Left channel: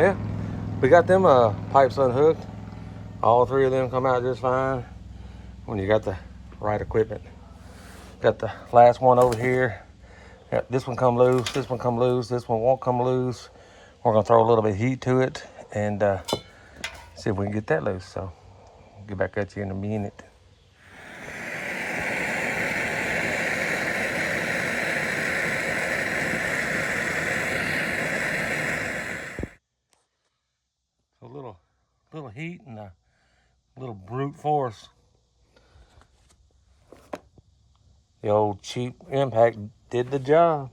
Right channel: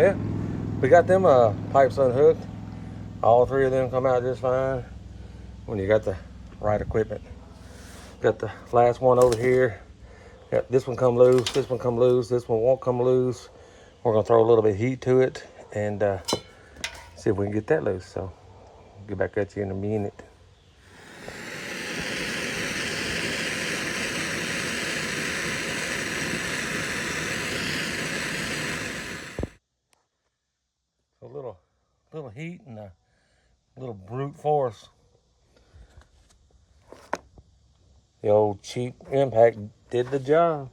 Yeah, we got them pipes unhooked. All three of them come out just fine when you got the right equipment. Got the last one over here. Got this one come loose, this one come loose, this one won't come loose. We're gonna throw a little bit of heat to it and see if we can get that loose. So I'll get back at you in a minute. So a little heat and a little brute force. The old cheap impact did the job.